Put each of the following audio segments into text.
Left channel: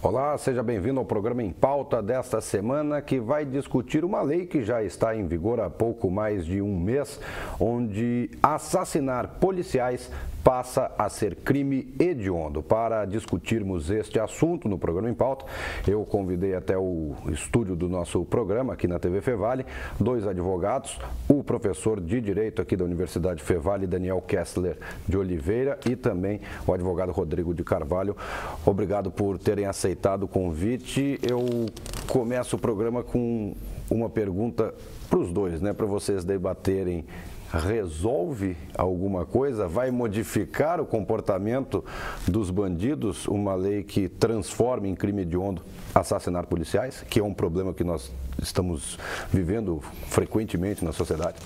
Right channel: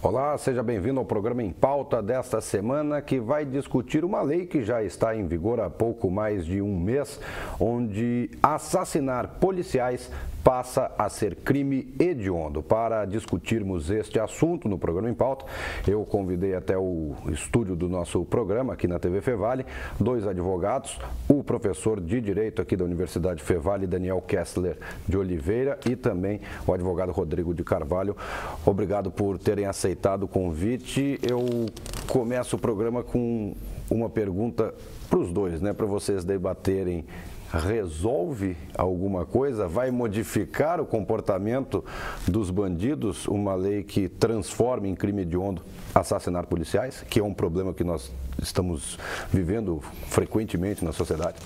Olá, seja bem-vindo ao programa Em Pauta desta semana, que vai discutir uma lei que já está em vigor há pouco mais de um mês, onde assassinar policiais passa a ser crime hediondo. Para discutirmos este assunto no programa Em Pauta, eu convidei até o estúdio do nosso programa, aqui na TV Fevale, dois advogados, o professor de Direito aqui da Universidade Fevale, Daniel Kessler de Oliveira, e também o advogado Rodrigo de Carvalho. Obrigado por terem aceitado o convite. Eu começo o programa com uma pergunta para os dois, para vocês debaterem. Resolve alguma coisa? Vai modificar o comportamento dos bandidos uma lei que transforma em crime hediondo assassinar policiais, que é um problema que nós estamos vivendo frequentemente na sociedade?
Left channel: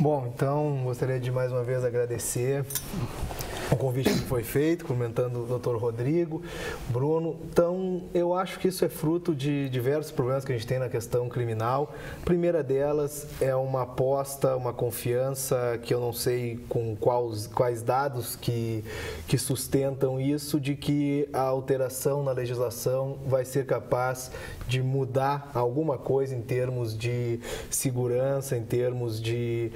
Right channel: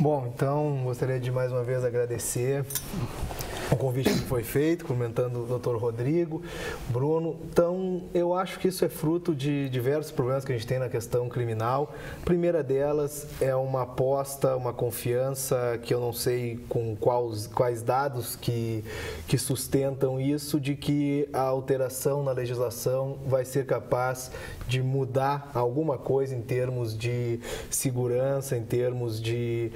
Bom, então gostaria de mais uma vez agradecer o convite que foi feito, comentando o doutor Rodrigo, Bruno. Então, eu acho que isso é fruto de diversos problemas que a gente tem na questão criminal. A primeira delas é uma aposta, uma confiança, que eu não sei com quais dados que sustentam isso, de que a alteração na legislação vai ser capaz de mudar alguma coisa em termos de segurança, em termos de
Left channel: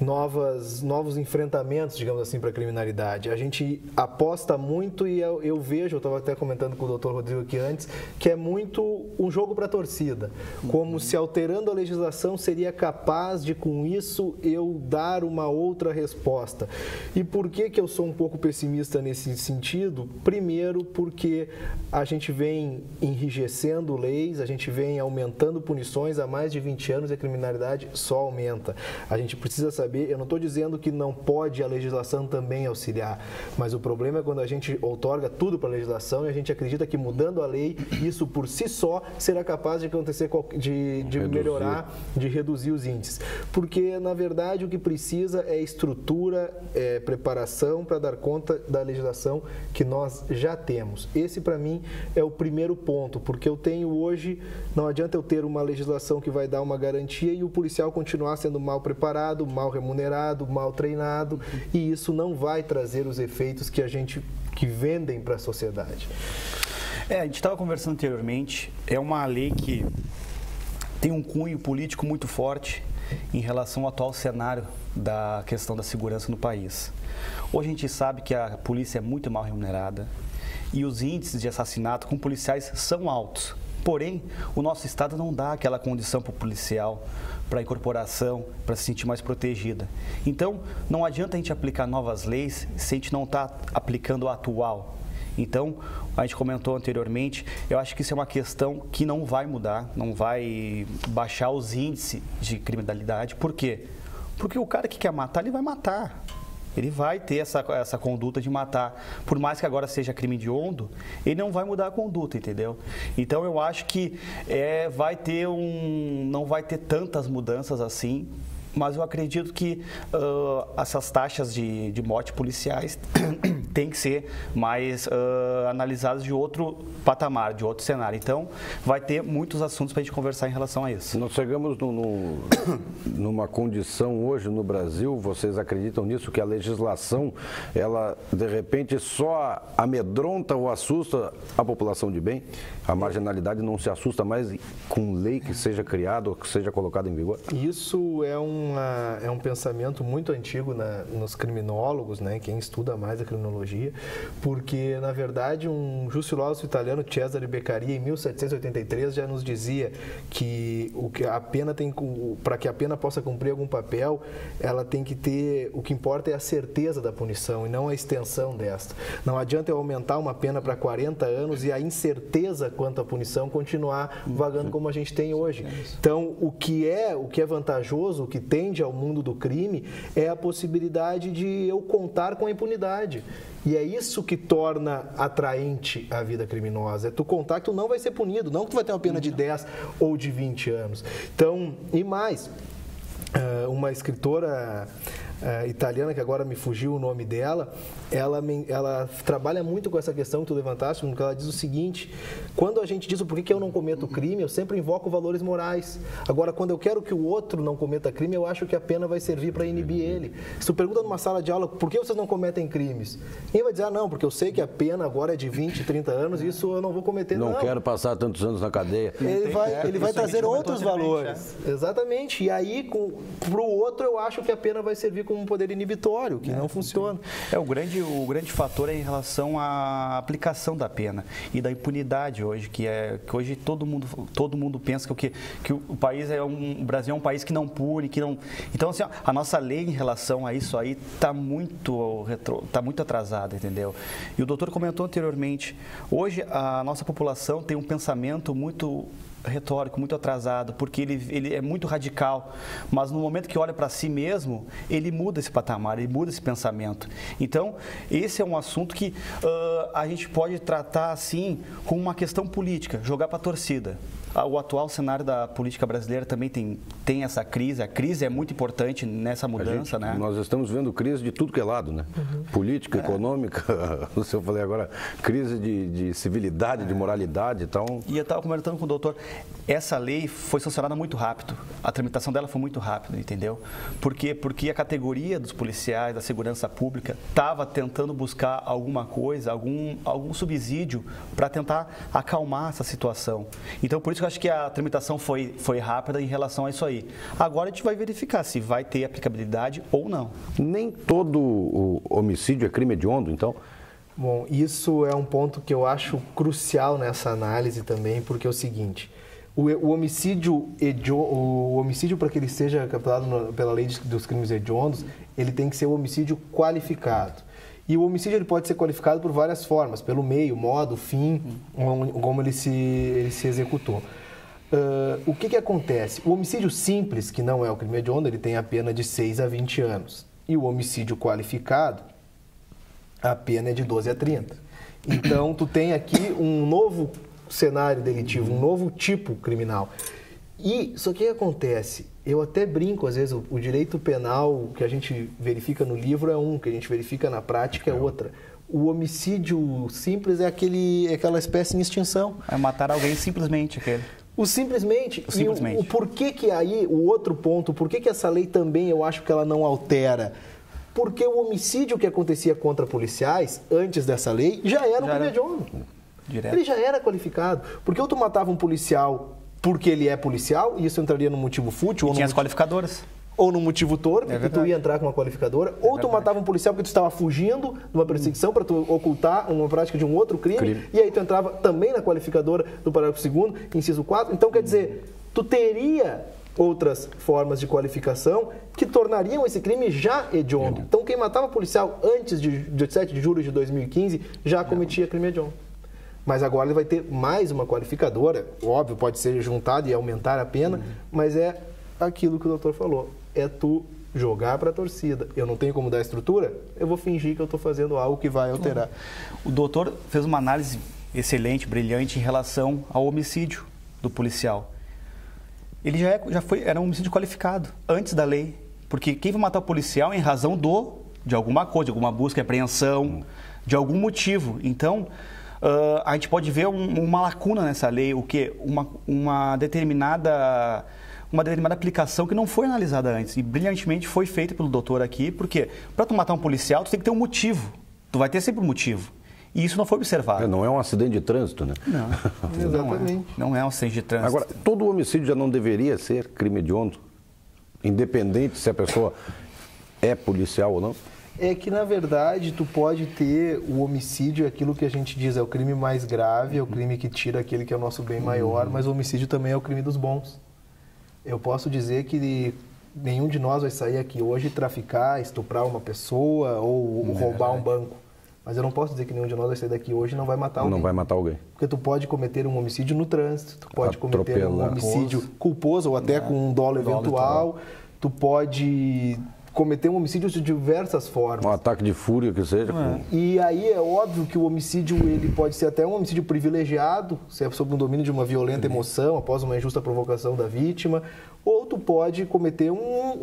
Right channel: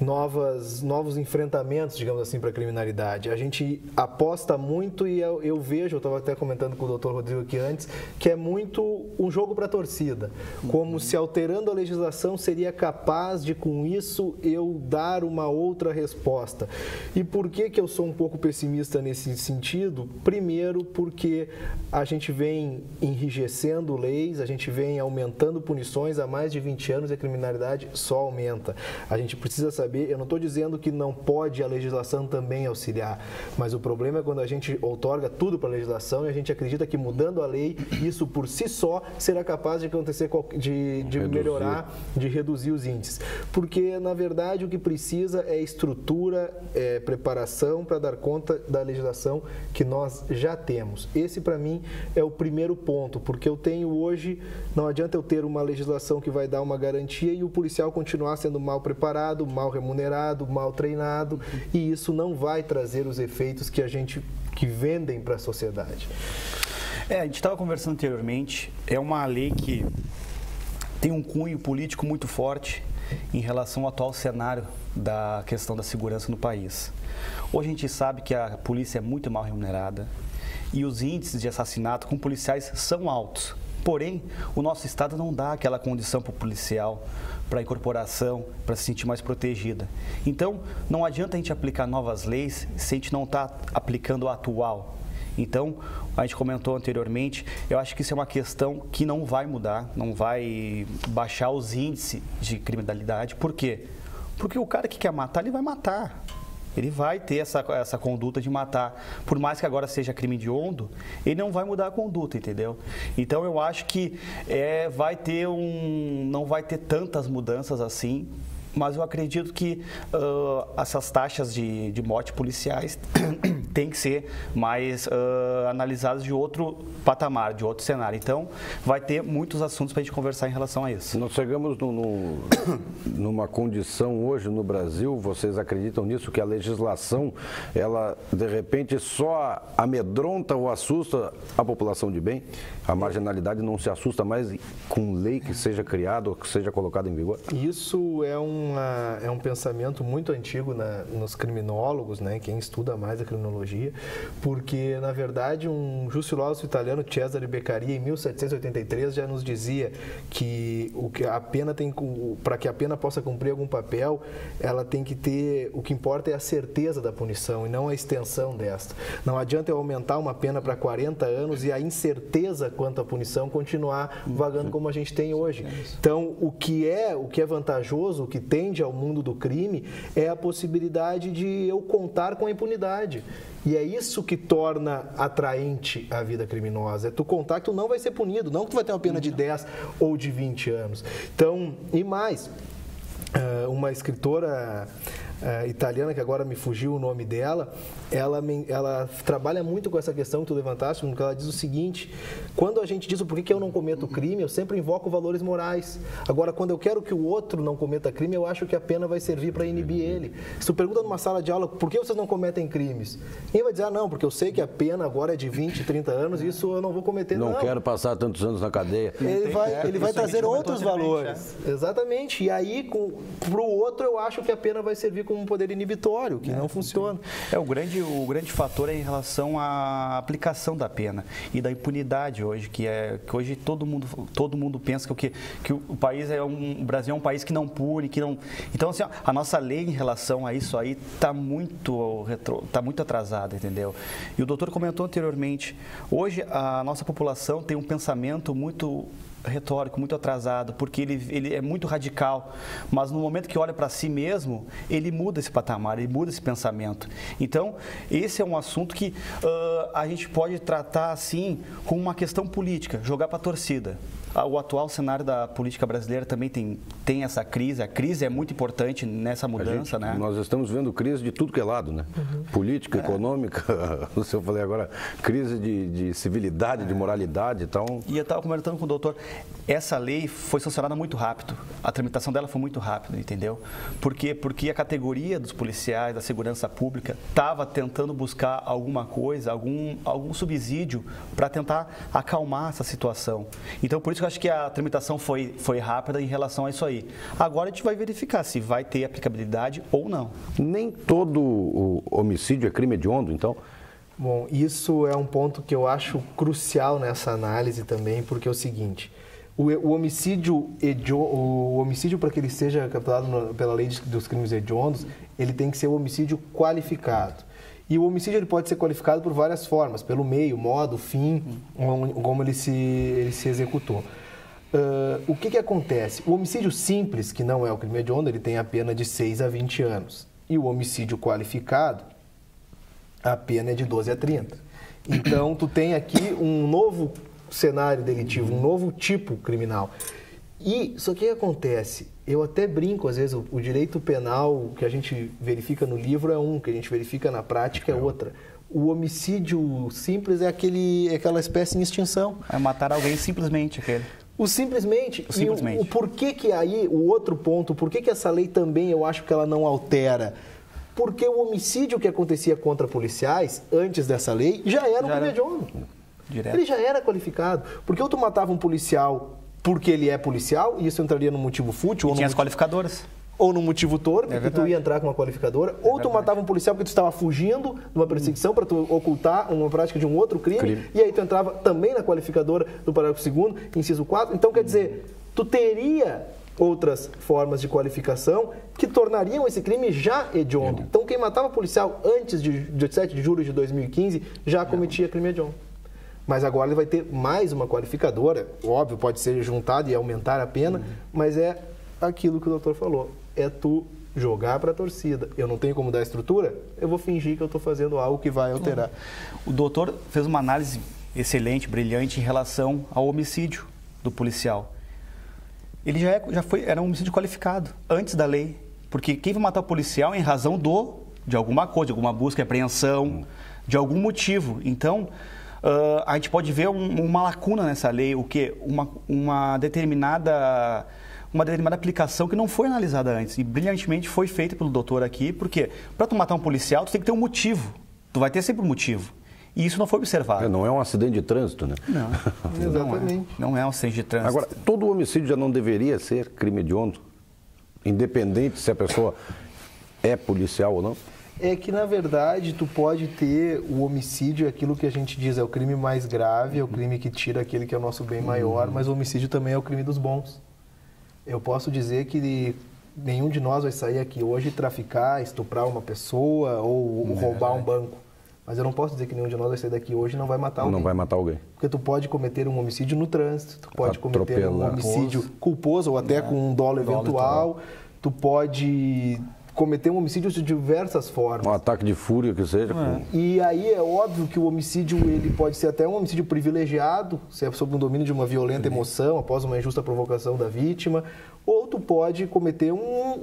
novos enfrentamentos, digamos assim, para a criminalidade. A gente aposta muito e eu vejo, eu estava até comentando com o doutor Rodrigo aqui antes, que é muito um jogo para a torcida, como se alterando a legislação seria capaz de, com isso, eu dar uma outra resposta. E por que eu sou um pouco pessimista nesse sentido? Primeiro, porque a gente vem enrijecendo leis, a gente vem aumentando punições há mais de 20 anos e a criminalidade só aumenta. A gente precisa saber, eu não estou dizendo que não pode a legislação também auxiliar, mas o problema é quando a gente outorga tudo para a legislação e a gente acredita que mudando a lei, isso por si só será capaz de acontecer, de melhorar, de reduzir os índices. Porque, na verdade, o que precisa é estrutura, é preparação para dar conta da legislação que nós já temos. Esse, para mim, é o primeiro ponto, porque eu tenho hoje, não adianta eu ter uma legislação que vai dar uma garantia e o policial continuar sendo mal preparado, mal remunerado, mal treinado, e isso não vai trazer os efeitos que vendem para a sociedade. A gente estava conversando anteriormente, é uma lei que tem um cunho político muito forte em relação ao atual cenário da questão da segurança no país. Hoje a gente sabe que a polícia é muito mal remunerada e os índices de assassinato com policiais são altos. Porém, o nosso Estado não dá aquela condição para o policial, para a incorporação, para se sentir mais protegida. Então, não adianta a gente aplicar novas leis se a gente não está aplicando a atual. Então, a gente comentou anteriormente, eu acho que isso é uma questão que não vai mudar, não vai baixar os índices de criminalidade. Por quê? Porque o cara que quer matar, ele vai matar. Ele vai ter essa conduta de matar. Por mais que agora seja crime hediondo, ele não vai mudar a conduta, entendeu? Então, eu acho que não vai ter tantas mudanças assim, mas eu acredito que essas taxas de morte policiais têm que ser mais analisadas de outro patamar, de outro cenário. Então, vai ter muitos assuntos para a gente conversar em relação a isso. Nós chegamos numa condição hoje no Brasil, vocês acreditam nisso, que a legislação, ela de repente só amedronta ou assusta a população de bem? A marginalidade não se assusta mais com lei que seja criada ou que seja colocada em vigor? Isso é um pensamento muito antigo nos criminólogos, quem estuda mais a criminologia, porque, na verdade, um justilógrafo italiano, Cesare Beccaria, em 1783, já nos dizia que a pena para que a pena possa cumprir algum papel, ela tem que ter, o que importa é a certeza da punição e não a extensão desta. Não adianta eu aumentar uma pena para 40 anos e a incerteza quanto à punição continuar vagando como a gente tem hoje. Então, o que é vantajoso, o que tende ao mundo do crime, é a possibilidade de eu contar com a impunidade. E é isso que torna atraente a vida criminosa. É tu contar que tu não vai ser punido, não que tu vai ter uma pena de 10 ou de 20 anos. Então, e mais, uma escritora italiana, que agora me fugiu o nome dela, ela trabalha muito com essa questão que tu levantaste, porque ela diz o seguinte: quando a gente diz o porquê que eu não cometo crime, eu sempre invoco valores morais. Agora, quando eu quero que o outro não cometa crime, eu acho que a pena vai servir para inibir ele. Se tu pergunta numa sala de aula, por que vocês não cometem crimes? Ninguém vai dizer, não, porque eu sei que a pena agora é de 20, 30 anos e isso eu não vou cometer. Não quero passar tantos anos na cadeia. Ele vai trazer outros valores. Exatamente. E aí, para o outro, eu acho que a pena vai servir como um poder inibitório, que não funciona. O grande fator é em relação à aplicação da pena e da impunidade hoje, que hoje todo mundo pensa que o país o Brasil é um país que não pune, que não. Então, assim, a nossa lei em relação a isso aí está muito atrasada, entendeu? E o doutor comentou anteriormente, hoje a nossa população tem um pensamento muito retórico, muito atrasado, porque ele é muito radical, mas no momento que olha para si mesmo, ele muda esse patamar, ele muda esse pensamento. Então, esse é um assunto que a gente pode tratar assim como uma questão política, jogar para a torcida. O atual cenário da política brasileira também tem essa crise. A crise é muito importante nessa mudança, né? Nós estamos vendo crise de tudo que é lado, né? Política, econômica, eu falei agora, crise de civilidade, de moralidade, então... E eu estava comentando com o doutor, essa lei foi sancionada muito rápido, a tramitação dela foi muito rápida, entendeu? Por quê? Porque a categoria dos policiais, da segurança pública, estava tentando buscar alguma coisa, algum subsídio para tentar acalmar essa situação. Então, por isso que eu acho que a tramitação foi rápida em relação a isso aí. Agora a gente vai verificar se vai ter aplicabilidade ou não. Nem todo homicídio é crime hediondo, então? Bom, isso é um ponto que eu acho crucial nessa análise também, porque é o seguinte: o homicídio para que ele seja capturado pela lei dos crimes hediondos, ele tem que ser um homicídio qualificado. E o homicídio ele pode ser qualificado por várias formas, pelo meio, modo, fim, como ele se executou. O que acontece? O homicídio simples, que não é o crime hediondo, ele tem a pena de 6 a 20 anos. E o homicídio qualificado, a pena é de 12 a 30. Então, tu tem aqui um novo cenário delitivo, um novo tipo criminal. E só que acontece, eu até brinco, às vezes, o direito penal que a gente verifica no livro é um, que a gente verifica na prática é outra. O homicídio simples é aquela espécie em extinção. É matar alguém simplesmente. O simplesmente. O porquê que aí, o outro ponto, por que essa lei também eu acho que ela não altera? Porque o homicídio que acontecia contra policiais, antes dessa lei, já era um crime hediondo. Ele já era qualificado. Porque ou tu matava um policial porque ele é policial, e isso entraria no motivo fútil. Ou tinha as qualificadoras. Ou no motivo torpe, porque tu ia entrar com uma qualificadora. Ou tu matava um policial porque tu estava fugindo de uma perseguição para tu ocultar uma prática de um outro crime. E aí tu entrava também na qualificadora do parágrafo 2º, inciso 4. Então, quer dizer, tu teria outras formas de qualificação que tornariam esse crime já hediondo. Então, quem matava policial antes de 17 de julho de 2015 já cometia crime hediondo. Mas agora ele vai ter mais uma qualificadora, óbvio, pode ser juntado e aumentar a pena, mas é aquilo que o doutor falou, é tu jogar para a torcida. Eu não tenho como dar estrutura, eu vou fingir que eu estou fazendo algo que vai alterar. O doutor fez uma análise excelente, brilhante em relação ao homicídio do policial. Ele era um homicídio qualificado, antes da lei, porque quem vai matar o policial em razão de alguma coisa, de alguma busca, apreensão, de algum motivo. Então, a gente pode ver uma lacuna nessa lei, o quê? Uma determinada aplicação que não foi analisada antes e brilhantemente foi feita pelo doutor aqui, porque para tu matar um policial, tu tem que ter um motivo. Tu vai ter sempre um motivo. E isso não foi observado. Não é um acidente de trânsito, né? Não é um acidente de trânsito. Agora, todo homicídio já não deveria ser crime hediondo? Independente se a pessoa é policial ou não? É que, na verdade, tu pode ter o homicídio, aquilo que a gente diz, é o crime mais grave, é o crime que tira aquele que é o nosso bem maior, mas o homicídio também é o crime dos bons. Eu posso dizer que nenhum de nós vai sair aqui hoje e traficar, estuprar uma pessoa ou roubar um banco. Mas eu não posso dizer que nenhum de nós vai sair daqui hoje e não vai matar alguém. Não vai matar alguém. Porque tu pode cometer um homicídio no trânsito, tu pode cometer um homicídio culposo ou até com um dolo eventual, tu pode cometer um homicídio de diversas formas. Um ataque de fúria, que seja. E aí é óbvio que o homicídio ele pode ser até um homicídio privilegiado, se é sob o domínio de uma violenta emoção, após uma injusta provocação da vítima, ou tu pode cometer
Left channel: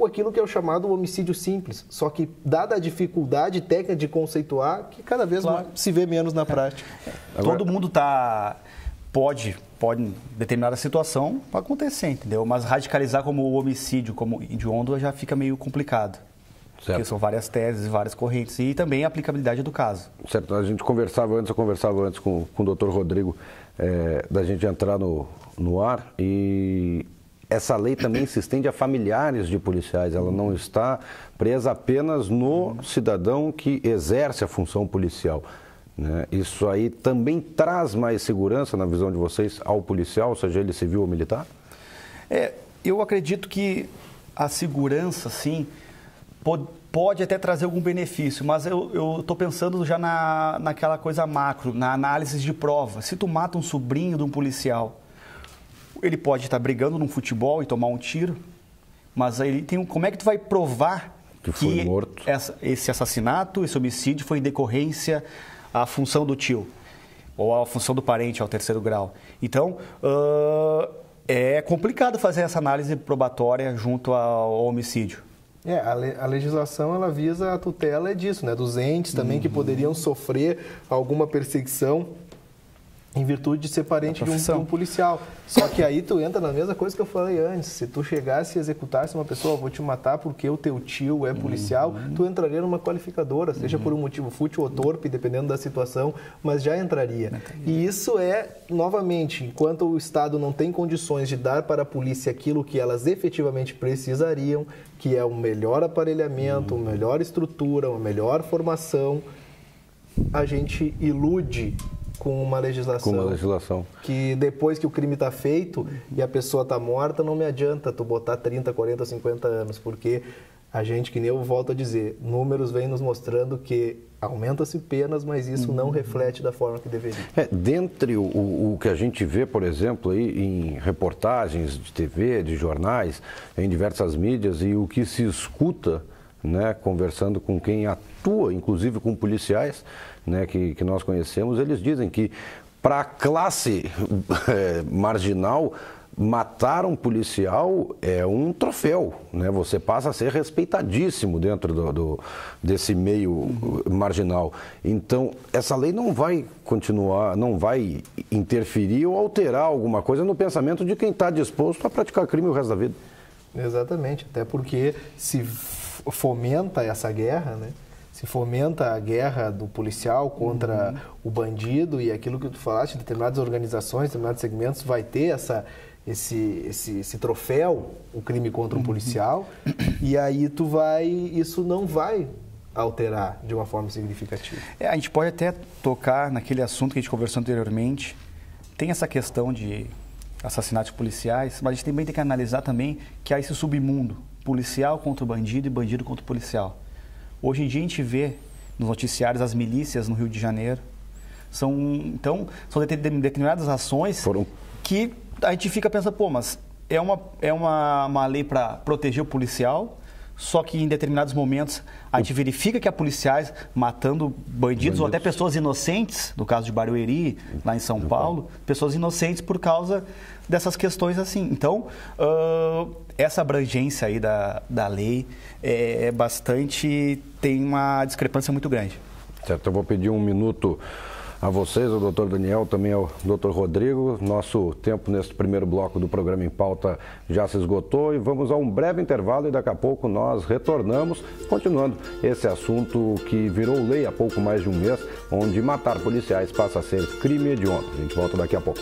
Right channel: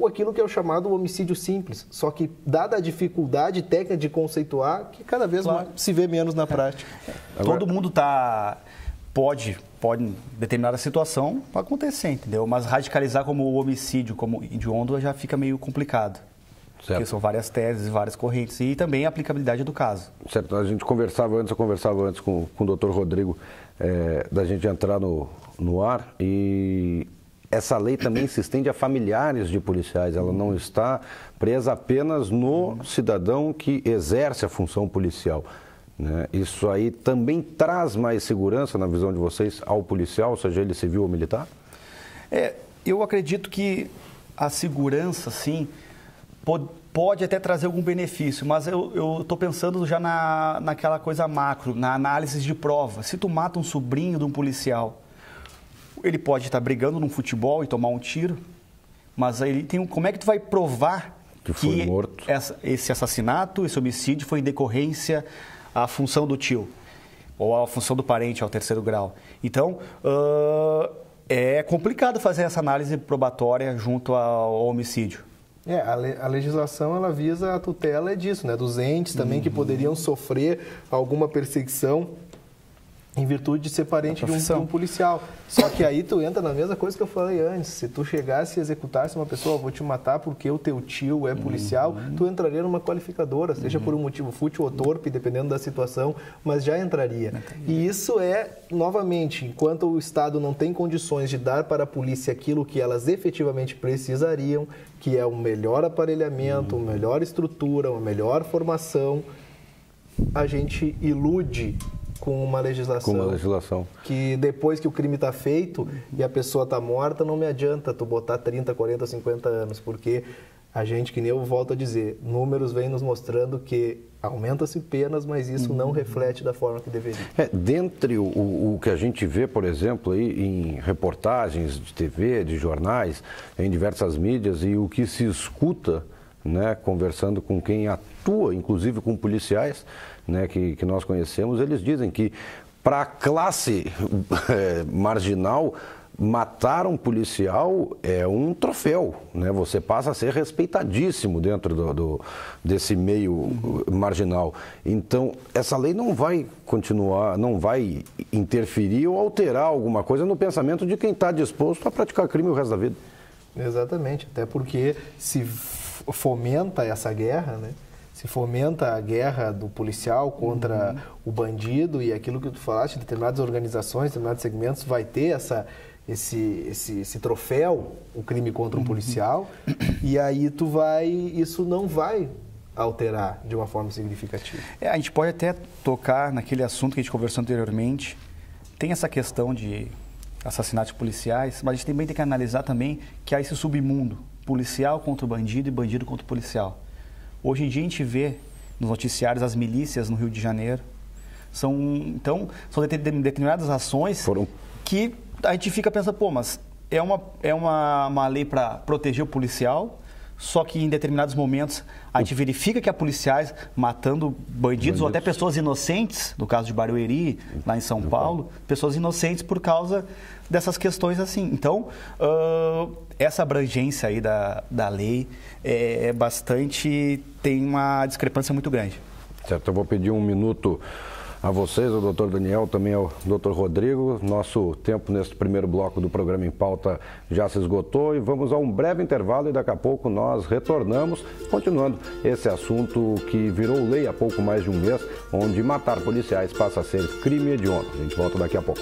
aquilo que é o chamado homicídio simples, só que dada a dificuldade técnica de conceituar, que cada vez se vê menos na prática. Todo mundo pode, em determinada situação, acontecer, entendeu? Mas radicalizar como homicídio, como hediondo, já fica meio complicado. Certo. Porque são várias teses, várias correntes e também a aplicabilidade do caso. Certo, eu conversava antes com o doutor Rodrigo, da gente entrar no ar, e essa lei também se estende a familiares de policiais, ela não está presa apenas no cidadão que exerce a função policial. Isso aí também traz mais segurança, na visão de vocês, ao policial, seja ele civil ou militar? Eu acredito que a segurança, sim, pode até trazer algum benefício, mas eu estou pensando já naquela coisa macro, na análise de prova. Se tu mata um sobrinho de um policial, ele pode estar brigando num futebol e tomar um tiro, mas aí como é que tu vai provar que esse assassinato, esse homicídio foi em decorrência à função do tio ou à função do parente ao terceiro grau? Então, é complicado fazer essa análise probatória junto ao homicídio. A legislação ela visa a tutela disso, dos entes também que poderiam sofrer alguma perseguição em virtude de ser parente de um policial. Só que aí tu entra na mesma coisa que eu falei antes. Se tu chegasse e executasse uma pessoa, vou te matar porque o teu tio é policial, tu entraria numa qualificadora, seja por um motivo fútil ou torpe, dependendo da situação, mas já entraria. E isso novamente, enquanto o Estado não tem condições de dar para a polícia aquilo que elas efetivamente precisariam, que é um melhor aparelhamento, uma melhor estrutura, uma melhor formação, a gente ilude com uma legislação que depois que o crime está feito e a pessoa está morta, não me adianta tu botar 30, 40, 50 anos, porque a gente, que nem eu volto a dizer, números vêm nos mostrando que aumenta-se penas, mas isso não reflete da forma que deveria. Dentre o que a gente vê, por exemplo, em reportagens de TV, de jornais, em diversas mídias, e o que se escuta, conversando com quem atua, inclusive com policiais, que nós conhecemos, eles dizem que para a classe marginal, matar um policial é um troféu, Você passa a ser respeitadíssimo dentro desse meio marginal. Então, essa lei não vai continuar, não vai interferir ou alterar alguma coisa no pensamento de quem está disposto a praticar crime o resto da vida. Exatamente, até porque se fomenta essa guerra, se fomenta a guerra do policial contra o bandido, e aquilo que tu falaste, determinadas organizações, determinados segmentos vai ter esse troféu, o crime contra um policial, e aí isso não vai alterar de uma forma significativa. A gente pode até tocar naquele assunto que a gente conversou anteriormente, tem essa questão de assassinatos policiais, mas a gente também tem que analisar também que há esse submundo, policial contra o bandido e bandido contra o policial. Hoje em dia a gente vê nos noticiários as milícias no Rio de Janeiro. São determinadas ações que a gente fica pensando, mas é uma lei para proteger o policial, só que em determinados momentos a gente verifica que há policiais matando bandidos ou até pessoas inocentes, no caso de Barueri, lá em São Paulo, pessoas inocentes por causa dessas questões assim. Então, essa abrangência aí da lei tem uma discrepância muito grande. Certo, eu vou pedir um minuto a vocês, ao doutor Daniel, também ao doutor Rodrigo. Nosso tempo nesse primeiro bloco do programa Em Pauta já se esgotou e vamos a um breve intervalo e daqui a pouco nós retornamos, continuando esse assunto que virou lei há pouco mais de um mês, onde matar policiais passa a ser crime hediondo. A gente volta daqui a pouco.